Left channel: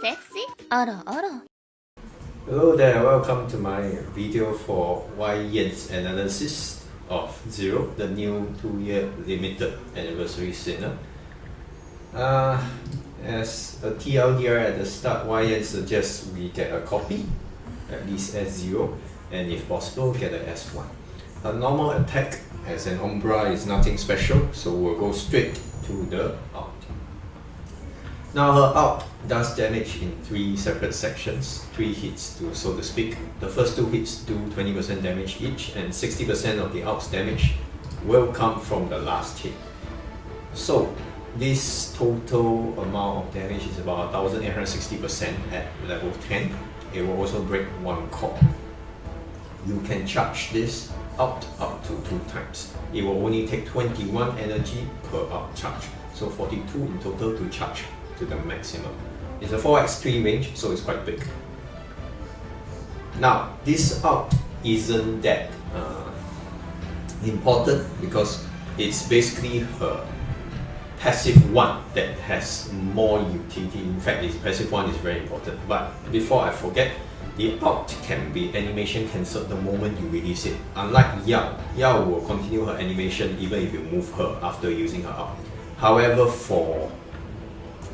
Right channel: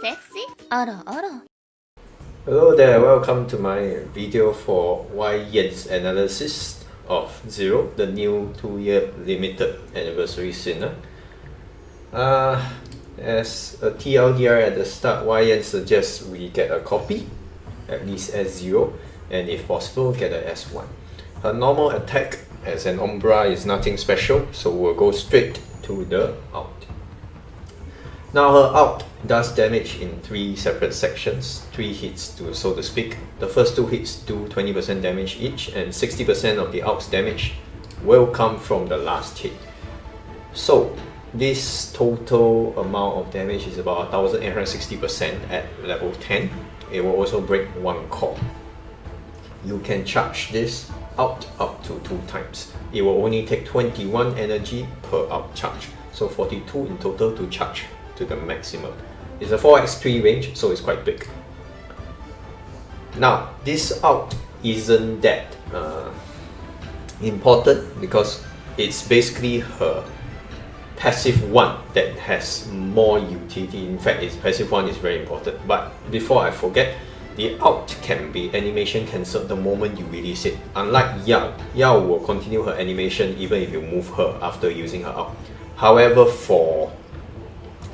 Sexy? 알아. Hello there, welcome to my video for Yyan's analysis of Zero, the new 2-year limited anniversary sinner. As a TLDR at the start, Yyan suggests we get a copy, at least S0, and if possible, get a S1. Her normal attack as an Umbra is nothing special, so we'll go straight to the out. Now her out does damage in 3 separate sections, 3 hits so to speak. The first 2 hits do 20% damage each, and 60% of the out's damage will come from the last hit. So this total amount of damage is about 1860% at level 10. It will also break 1 core. You can charge this out up to 2 times. It will only take 21 energy per out charge, so 42 in total to charge to the maximum. It's a 4x3 range, so it's quite big. Now, this out isn't that important because it's basically her passive 1 that has more utility. In fact, its passive 1 is very important. But before I forget, the out can be animation cancelled the moment you release it. Unlike Yao will continue her animation even if you move her after using her out. However, for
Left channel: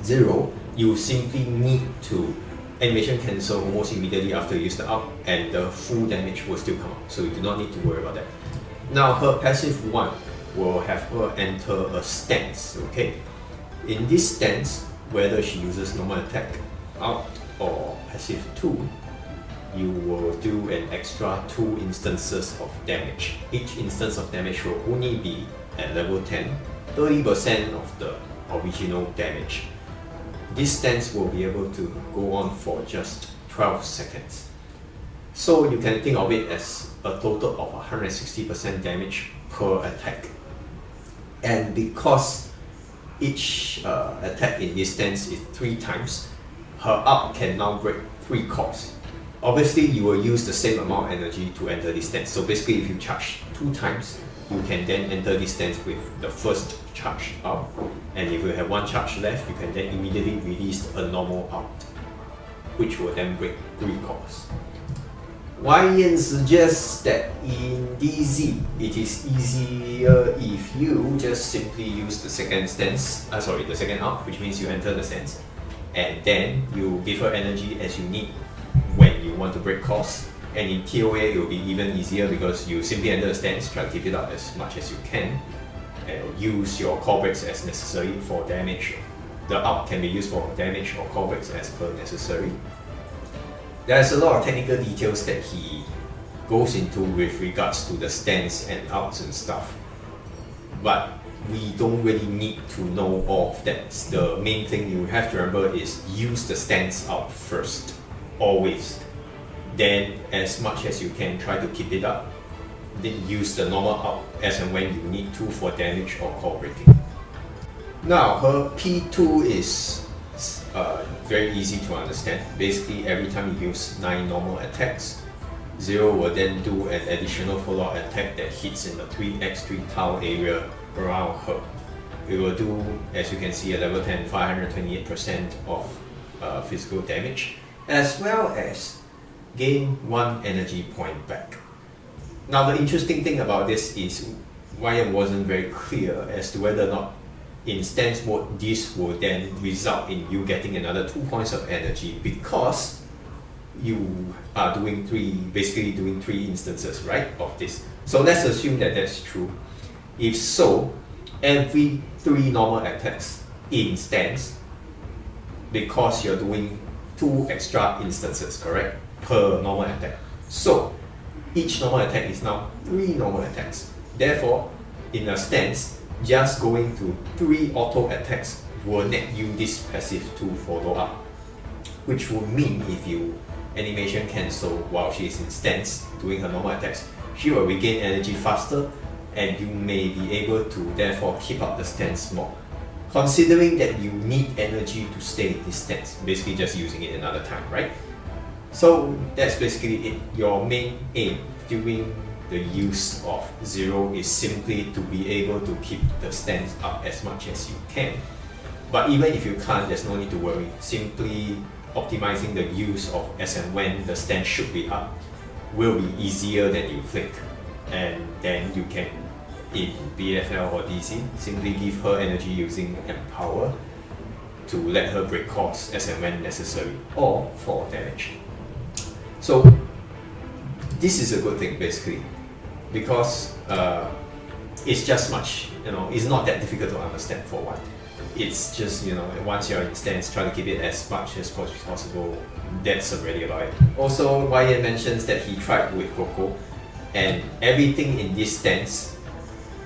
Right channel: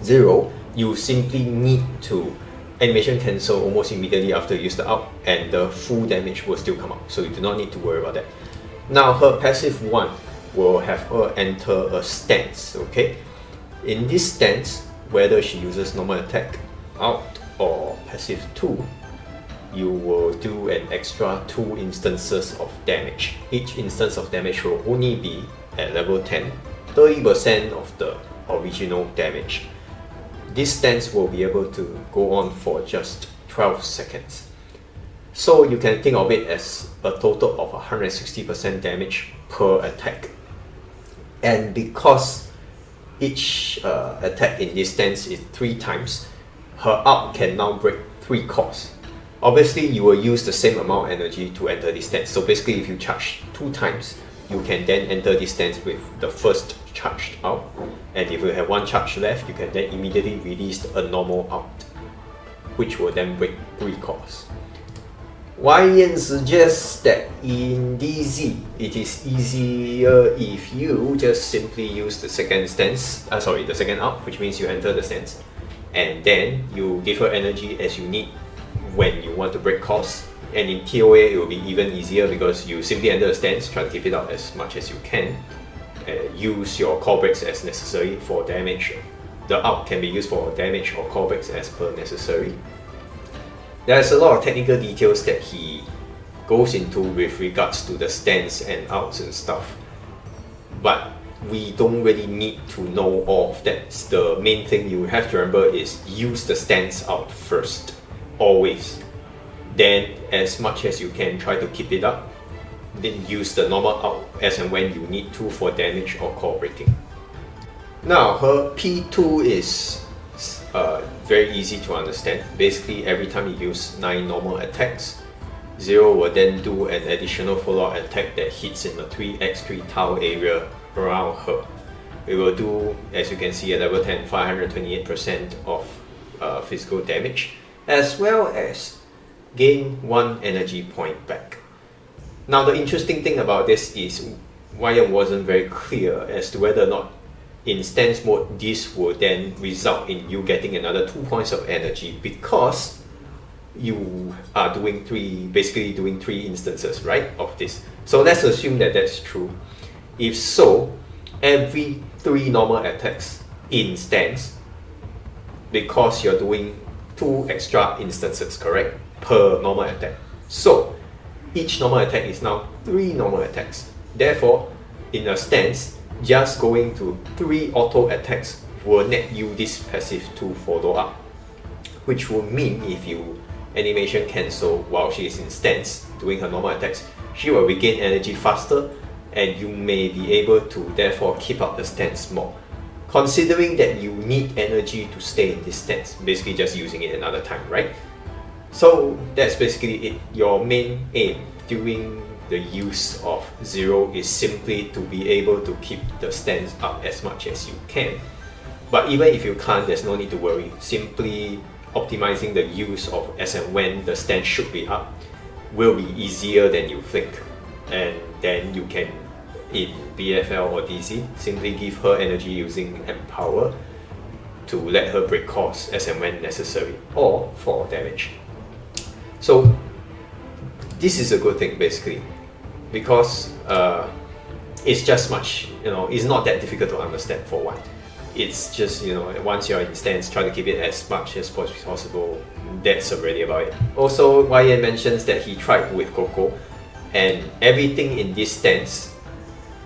Zero, you simply need to animation cancel almost immediately after you use the out, and the full damage will still come out, so you do not need to worry about that. Now her passive 1 will have her enter a stance, okay? In this stance, whether she uses normal attack, out, or passive 2, you will do an extra 2 instances of damage. Each instance of damage will only be at level 10, 30% of the original damage. This stance will be able to go on for just 12 seconds. So you can think of it as a total of 160% damage per attack. And because each attack in this stance is 3 times, her out can now break 3 cores. Obviously, you will use the same amount of energy to enter this stance. So basically, if you charge 2 times, you can then enter this stance with the first charged out. And if you have 1 charge left, you can then immediately release a normal out, which will then break 3 cores. Yyan suggests that in DZ, it is easier if you just simply use the second stance, the second out, which means you enter the stance, and then you give her energy as you need when you want to break cores. And in TOA, it will be even easier because you simply enter the stance, try to keep it out as much as you can, use your core breaks as necessary for damage. The out can be used for damage or core breaks as per necessary. There's a lot of technical details that he goes into with regards to the stance and outs and stuff, but we don't really need to know all of that. The main thing you have to remember is use the stance out first, always. Then as much as you can, try to keep it up. Then use the normal out as and when you need to for damage or core breaking. Now her P2 is very easy to understand. Basically, every time you use 9 normal attacks, Zero will then do an additional follow-up attack that hits in the 3x3 tile area around her. It will do, as you can see at level 10, 528% of physical damage, as well as gain 1 energy point back. Now the interesting thing about this is Yyan wasn't very clear as to whether or not in stance mode this will then result in you getting another 2 points of energy because you are basically doing 3 instances, right, of this. So let's assume that that's true. If so, every 3 normal attacks in stance, because you're doing 2 extra instances, correct, per normal attack. So each normal attack is now 3 normal attacks. Therefore, in a stance, just going to 3 auto attacks will net you this passive 2 follow-up, which will mean if you animation cancel while she is in stance doing her normal attacks, she will regain energy faster, and you may be able to therefore keep up the stance more. Considering that you need energy to stay in this stance, basically just using it another time, right? So that's basically it. Your main aim during the use of Zero is simply to be able to keep the stance up as much as you can. But even if you can't, there's no need to worry. Simply optimizing the use of as and when the stance should be up will be easier than you think. And then you can, in BFL or DC, simply give her energy using Empower to let her break course as and when necessary, or for damage. So this is a good thing basically, because it's just much, it's not that difficult to understand for one. It's just, once you're in stance, try to keep it as much as possible. That's already about it. Also, Yyan mentions that he tried with Coco, and everything in this stance,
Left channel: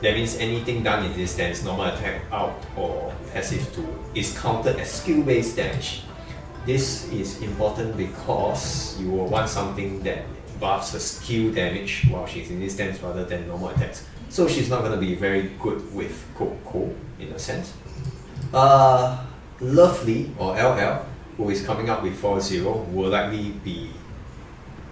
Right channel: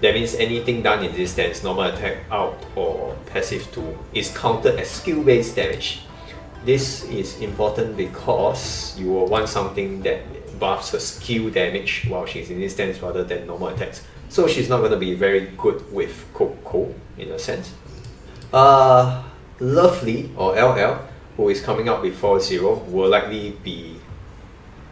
that means anything done in this stance, normal attack, out, or passive 2, is counted as skill-based damage. This is important because you will want something that buffs her skill damage while she's in this stance rather than normal attacks. So she's not going to be very good with Coco in a sense. Lovely, or LL, who is coming up with 4-0, will likely be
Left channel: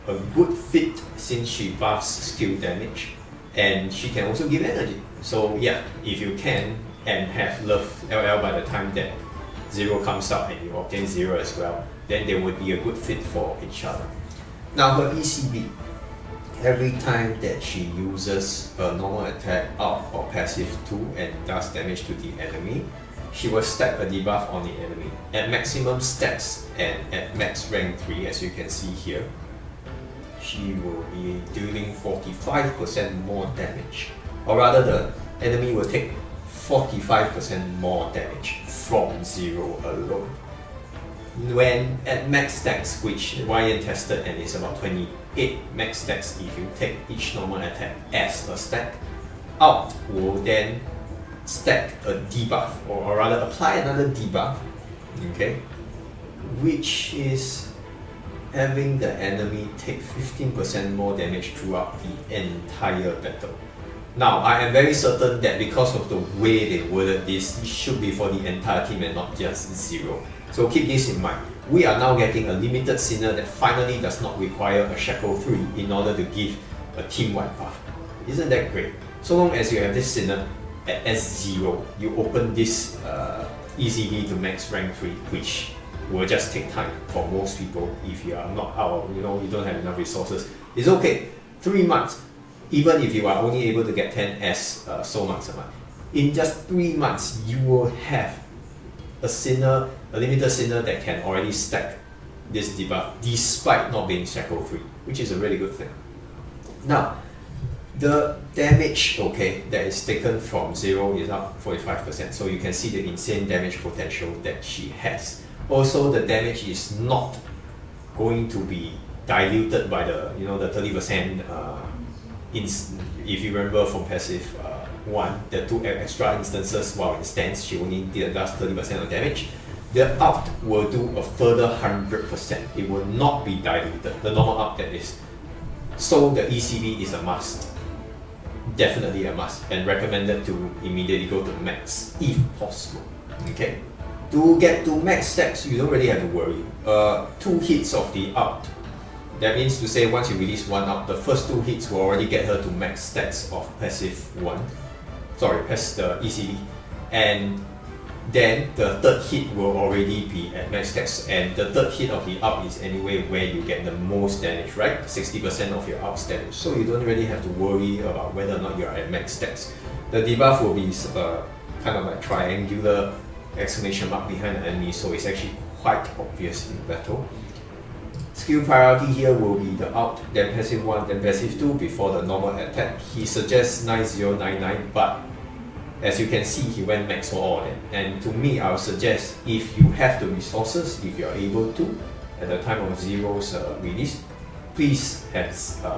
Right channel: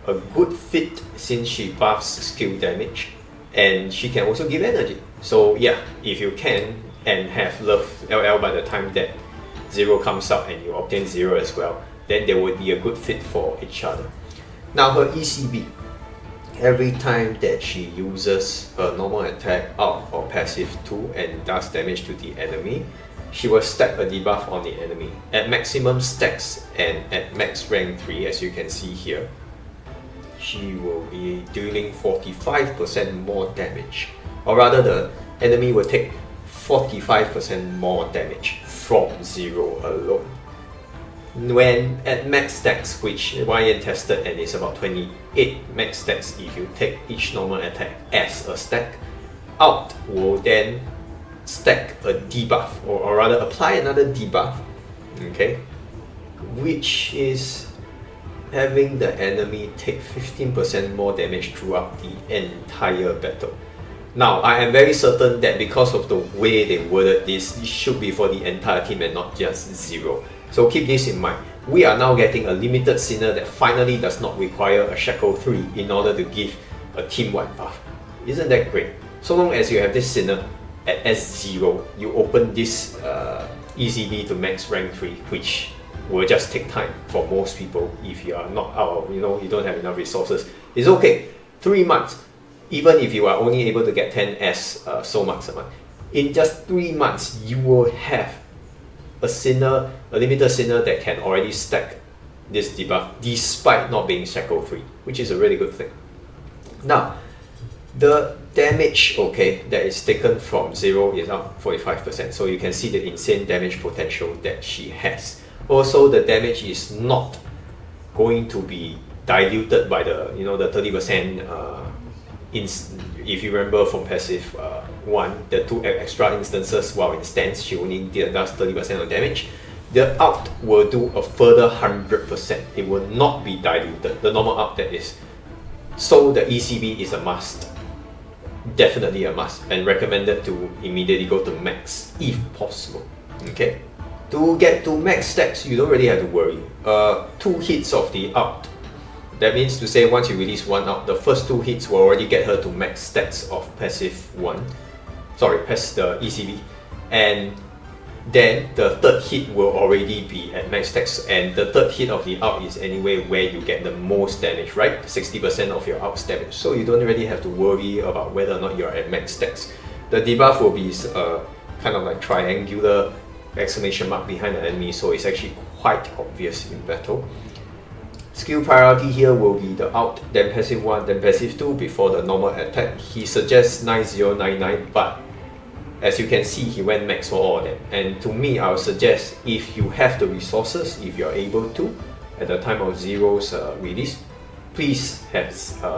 a good fit since she buffs skill damage and she can also give energy. So yeah, if you can and have Love LL by the time that 0 comes out and you obtain 0 as well, then they would be a good fit for each other. Now her ECB, every time that she uses a normal attack, out, or passive 2 and does damage to the enemy, she will stack a debuff on the enemy at maximum stacks and at max rank 3, as you can see here. She will be dealing 45% more damage, or rather the enemy will take 45% more damage from 0 alone. When at max stacks, which Yyan tested and is about 28 max stacks if you take each normal attack as a stack, out will then stack a debuff, or rather apply another debuff, okay, which is having the enemy take 15% more damage throughout the entire battle. Now, I am very certain that because of the way they worded this, it should be for the entire team and not just 0. So keep this in mind. We are now getting a limited Sinner that finally does not require a Shackle 3 in order to give a team-wide buff. Isn't that great? So long as you have this Sinner at S0, you open this ECB to max rank 3, which will just take time for most people if you are not out, you don't have enough resources. It's okay, 3 months, even if you are only able to get 10 as soul marks a month. In just 3 months, you will have a Sinner, a limited Sinner that can already stack this debuff despite not being Shackle 3, which is a really good thing. Now, the damage, that is taken from 0 is up 45%, so you can see the insane damage potential that she has. Also, the damage is not going to be diluted by the the 30%. If you remember from passive 1, the 2 extra instances while in stance, she only does 30% of damage. The out will do a further 100%. It will not be diluted. The normal out, that is. So the ECB is a must. Definitely a must, and recommended to immediately go to max if possible. Okay, to get to max stacks, you don't really have to worry. 2 hits of the out, that means to say once you release 1 out, the first 2 hits will already get her to max stacks of passive 1, past the ECB, and then the third hit will already be at max stacks, and the third hit of the out is anyway where you get the most damage, right? 60% of your out's damage. So you don't really have to worry about whether or not you're at max stacks. The debuff will be kind of like triangular exclamation mark behind the enemy, so it's actually quite obvious in battle. Skill priority here will be the out, then passive 1, then passive 2 before the normal attack. He suggests 9099, but as you can see, he went max for all of them. And to me, I would suggest if you have the resources, if you're able to, at the time of 0's release, please have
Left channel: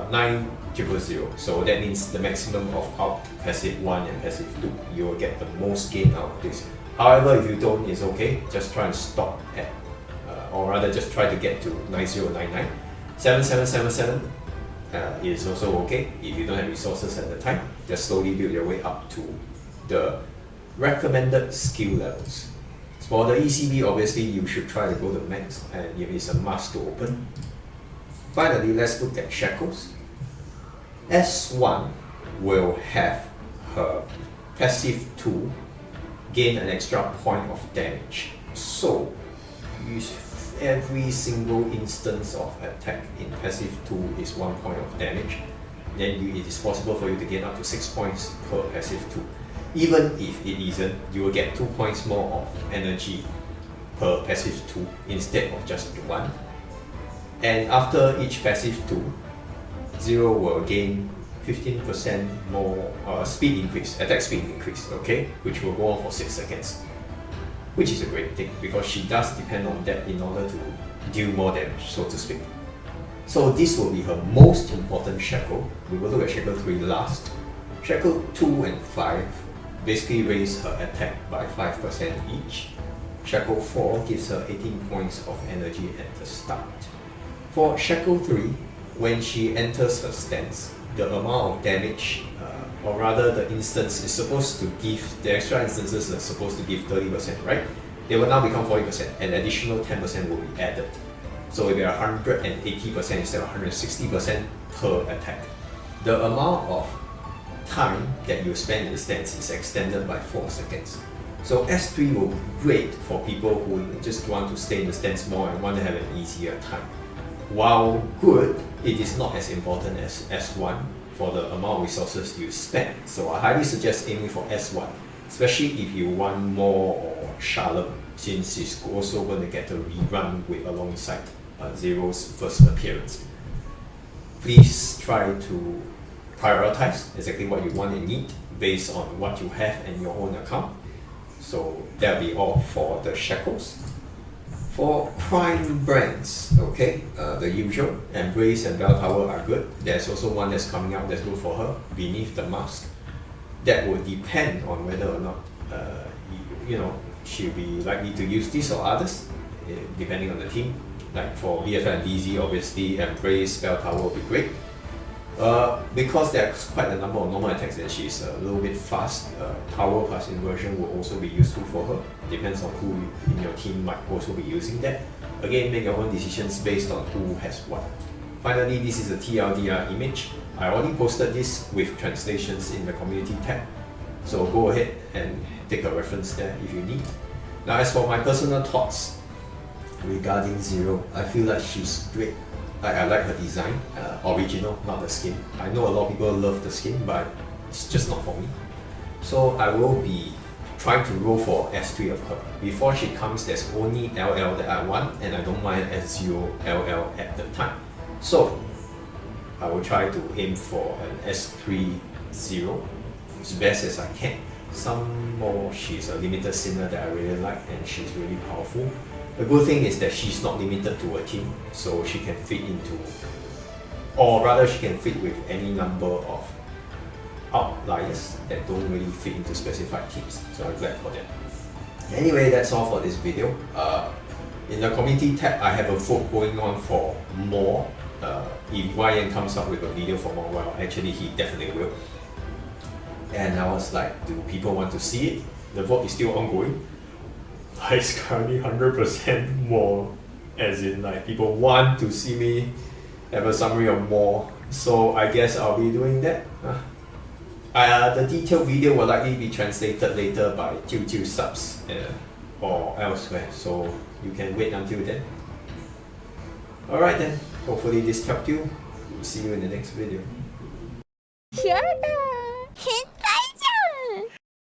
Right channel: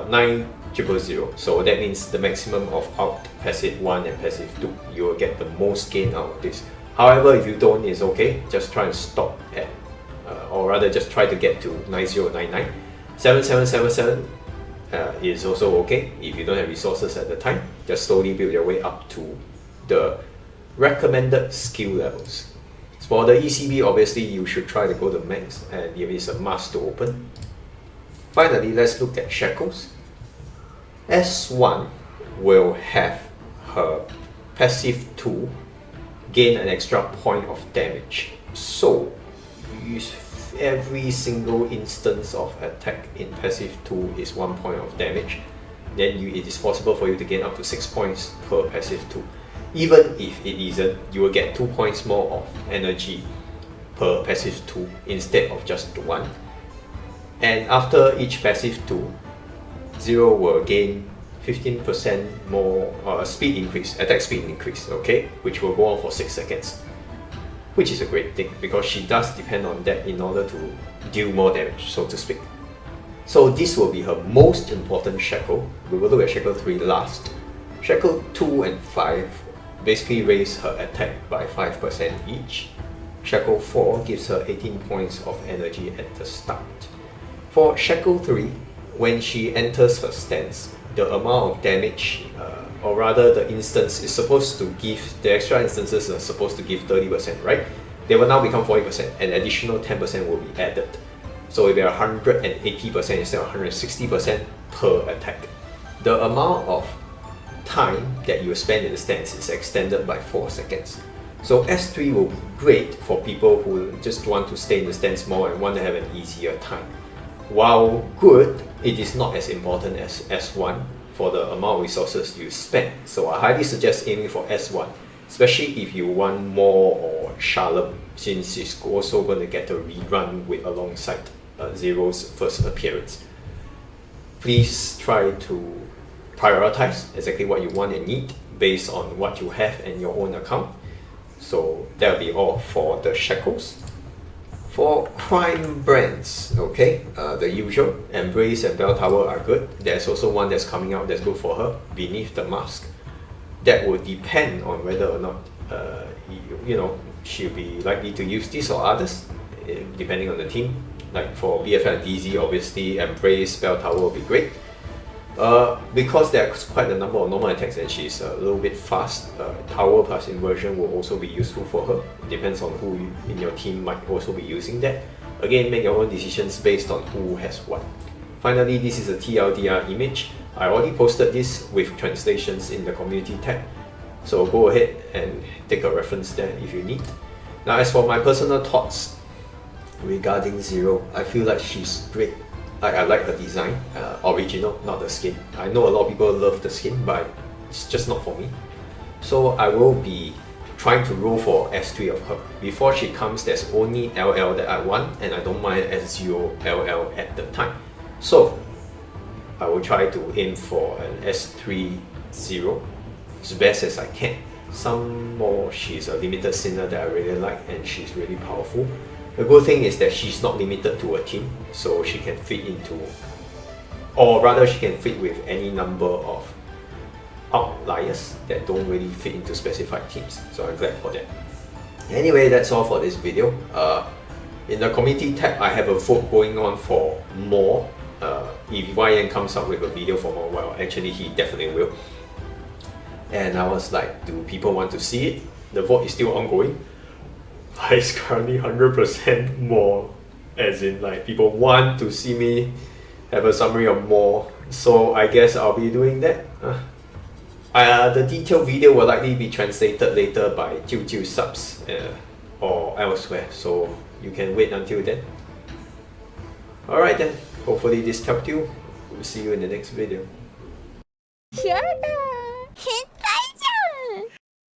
9000. So that means the maximum of out, passive 1 and passive 2. You will get the most gain out of this. However, if you don't, it's okay. Just try and stop at, or rather just try to get to 9099. 7777 is also okay. If you don't have resources at the time, just slowly build your way up to the recommended skill levels. For the ECB, obviously you should try to go to max, and if it's a must to open. Finally, let's look at Shackles. S1 will have her passive 2 gain an extra point of damage. So use every single instance of attack in passive 2 is 1 point of damage. Then it is possible for you to gain up to 6 points per passive 2. Even if it isn't, you will get 2 points more of energy per passive 2 instead of just 1. And after each passive 2, Zero will gain 15% more speed increase, attack speed increase, okay? Which will go on for 6 seconds. Which is a great thing because she does depend on that in order to deal more damage, so to speak. So this will be her most important shackle. We will look at shackle 3 last. Shackle 2 and 5 basically raise her attack by 5% each. Shackle 4 gives her 18 points of energy at the start. For shackle 3, when she enters her stance, the amount of damage, or rather the instance is supposed to give, the extra instances are supposed to give 30%, right? They will now become 40%, and additional 10% will be added. So it will be 180% instead of 160% per attack. The amount of time that you spend in the stance is extended by 4 seconds. So S3 will be great for people who just want to stay in the stance more and want to have an easier time. While good, it is not as important as S1 for the amount of resources you spend. So I highly suggest aiming for S1, especially if you want more or Shalom, since it's also going to get a rerun with alongside Zero's first appearance. Please try to prioritize exactly what you want and need based on what you have in your own account. So that'll be all for the shackles. For crime brands, okay, the usual, Embrace and Bell Tower are good. There's also one that's coming out that's good for her, Beneath the Mask. That will depend on whether or not, she'll be likely to use this or others, depending on the team. Like for BFL and DZ, obviously, Embrace, Bell Tower will be great. Because there's quite a number of normal attacks and she's a little bit fast, Tower plus Inversion will also be useful for her. Depends on who in your team might also be using that. Again, make your own decisions based on who has what. Finally, this is a TLDR image. I already posted this with translations in the community tab. So go ahead and take a reference there if you need. Now as for my personal thoughts regarding Zero, I feel like she's great. I like her design, original, not the skin. I know a lot of people love the skin, but it's just not for me. So I will be trying to roll for S3 of her. Before she comes, there's only LL that I want, and I don't mind S0 LL at the time. So I will try to aim for an S3 0 as best as I can. Some more, she's a limited sinner that I really like, and she's really powerful. The good thing is that she's not limited to a team, so she can fit into, or rather she can fit with any number of outliers that don't really fit into specified teams. So I'm glad for that. Anyway, that's all for this video. In the community tab, I have a vote going on for more. If Yyan comes up with a video for more, well, actually he definitely will. And I was like, do people want to see it? The vote is still ongoing. It's currently 100% more, as in like people want to see me have a summary of more, so I guess I'll be doing that. The detailed video will likely be translated later by Jiu subs or elsewhere, so you can wait until then. Alright then, hopefully this helped you. We'll see you in the next video. Shut up!